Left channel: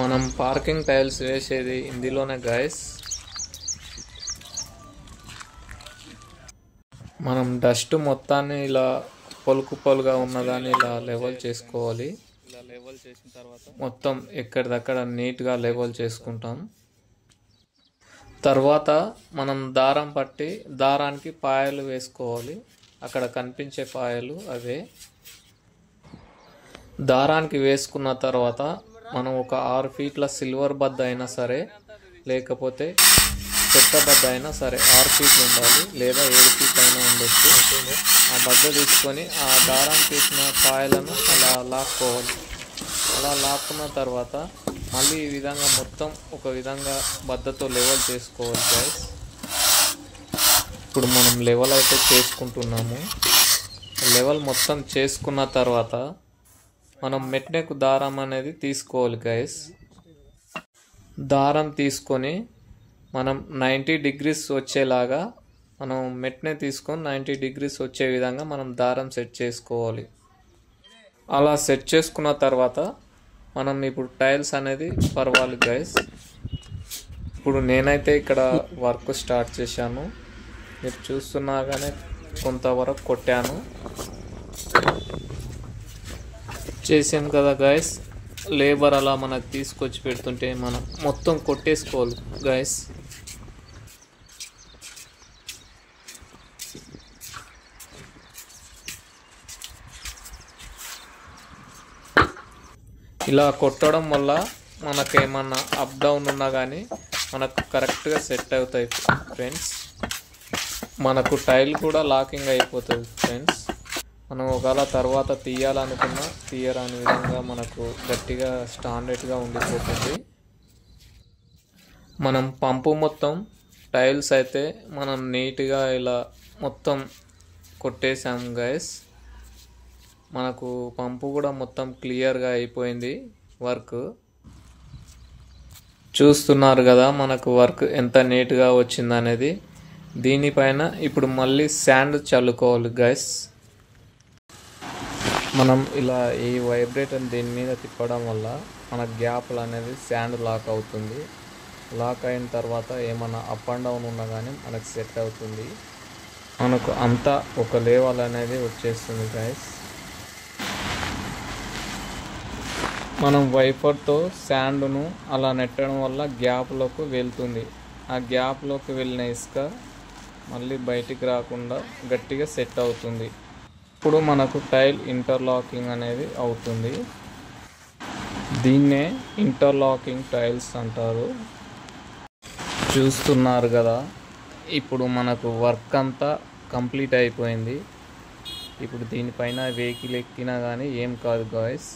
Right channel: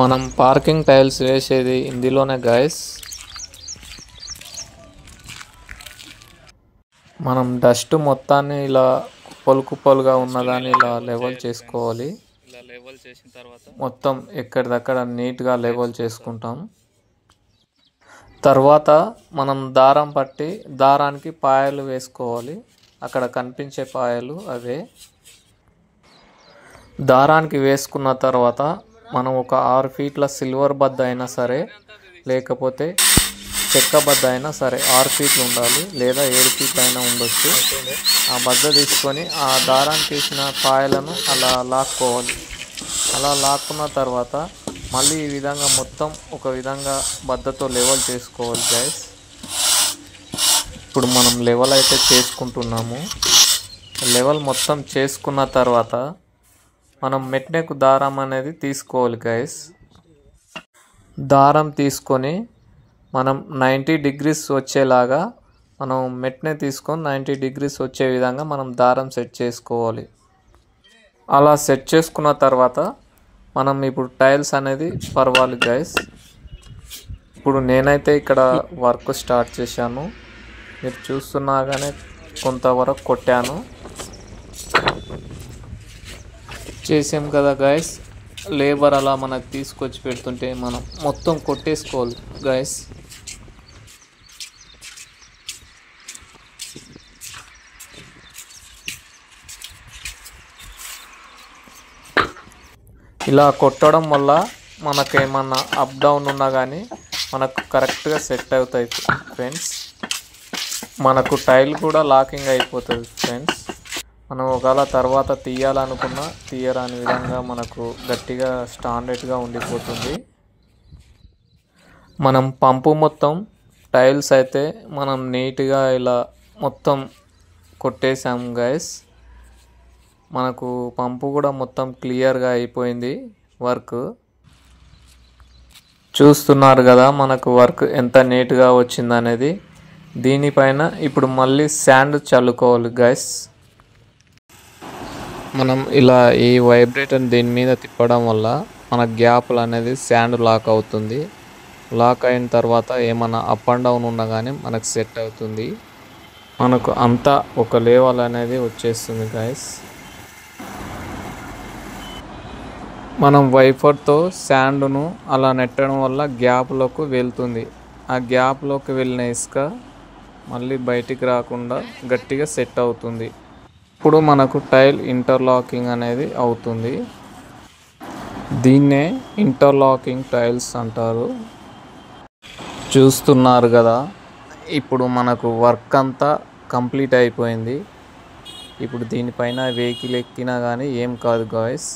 మనం parking tiles వేసేది ఇందులోనే గైస్. మనం డస్ట్ మొత్తాన్ని ఇలా కుప్పలుగా ఉన్నదాన్ని ఇలా లెవెల్ చేసుకోవాలి. ఇలా లెవెల్ చేసిన తర్వాత మొత్తం ఎక్కడిదక్కడ నీట్గా లెవెల్ చేసుకుంటాం. తర్వాత మనం దారం పట్టి దారానికి పాయలు వేసుకోవాలి. అక్కడ కనిపించే పాయలు అవే. దారానికి వేసుకున్న తర్వాత మనం ఒక 6 ఫీట్ల సిల్వర్ బద్ద అయినా సరే, లేకపోతే చెక్క బద్ద అయినా సరే 6 ఫీట్లు ఉండాలి, లేదా 7 ఫీట్లు అయినా ఉండొచ్చు. ఆ బద్ద తీసుకొని ఆ దారానికి వేసిన పాయలను అలా లాక్కోవాలి. అలా లాక్కున్న తర్వాత మళ్ళీ ఈ విధంగా మొత్తం ఒక విధంగా బద్దతో లెవెల్ చేసుకోవాలి గైస్. ఇప్పుడు మనం లెవెల్ అయితే చేసుకుంటున్నాము. లెవెల్ మొత్తం చేసుకున్న తర్వాత మనం మెట్నెక్ దారం అనేది తీసుకోవాలి గైస్. దారం తీసుకొని మనం 90 డిగ్రీస్ వచ్చేలాగా మనం మెట్నే తీసుకొని 90 డిగ్రీస్ వచ్చే విధంగా మనం దారం సెట్ చేసుకోవాలి. అలా సెట్ చేసుకున్న తర్వాత మనం ఇప్పుడు టైల్స్ అనేది పరవాలి గైస్. ఇప్పుడు నేనైతే ఇక్కడ వర్క్ స్టార్ట్ చేశాను. మీరు చూస్తున్నాగానే కొంతవరకు కొట్టాను. చేసాం కదా గైస్. లేబర్ అలా మనకు తీసుకొచ్చి పెడుతుంటే మనం మొత్తం కొట్టేసుకోవాలి గైస్. ఇలా కొట్టడం వల్ల మనకేమన్నా అప్ డౌన్ ఉన్నా కానీ మనకు కరెక్ట్గా సెట్ అవుతాయి ఫ్రెండ్స్. మనకు టైల్ కూడా లాకింగ్ అయిపోతుంది ఫ్రెండ్స్. మనం ఒకవేళ తర్వాత తీయాలనుకున్నా తీయరాని విధంగా మనకు గట్టిగా స్టాండర్డ్గా ఉండిపోతుంది. మనం పంపు మొత్తం టైల్స్ అయితే మనం నీట్గా ఇలా మొత్తం కొట్టేసాం గైస్. మనకు పంపు కూడా మొత్తం క్లియర్గా అయిపోయింది వర్క్. చూస్తున్నారు కదా మనకు వర్క్ ఎంత నీట్గా వచ్చిందనేది. దీనిపైన ఇప్పుడు మళ్ళీ శాండ్ చల్లుకోవాలి గైస్. మనం ఇలా ఈ వైబ్రేటర్ దీని మీద తిప్పడం వల్ల మన గ్యాప్లు అనేది శాండ్ లాక్ అవుతుంది. లాక్ అయిన తర్వాత ఏమైనా అప్ అండ్ డౌన్ ఉన్నా కానీ మనకు సెట్ అవుతుంది. మనకు అంతా ఒక లెవెల్ అనేది వచ్చేస్తుంది గైస్. మనం వైపర్తో శాండ్ను అలా నెట్టడం వల్ల గ్యాప్లోకి వెళ్తుంది. ఆ గ్యాప్లోకి వెళ్ళిన ఇసుక మళ్ళీ బయటికి రాకుండా గట్టిగా సెట్ అవుతుంది. ఇప్పుడు మనకు టైల్ ఇంటర్లాకింగ్ అనేది అవుతుంది. దీన్నే ఇంటర్లాకింగ్ టైల్స్ అంటారు. చూస్తున్నారు కదా, ఇప్పుడు మనకు వర్క్ అంతా కంప్లీట్ అయిపోయింది. ఇప్పుడు దీనిపైన వెహికల్ ఎక్కినా కానీ ఏం కాదు గాయస్.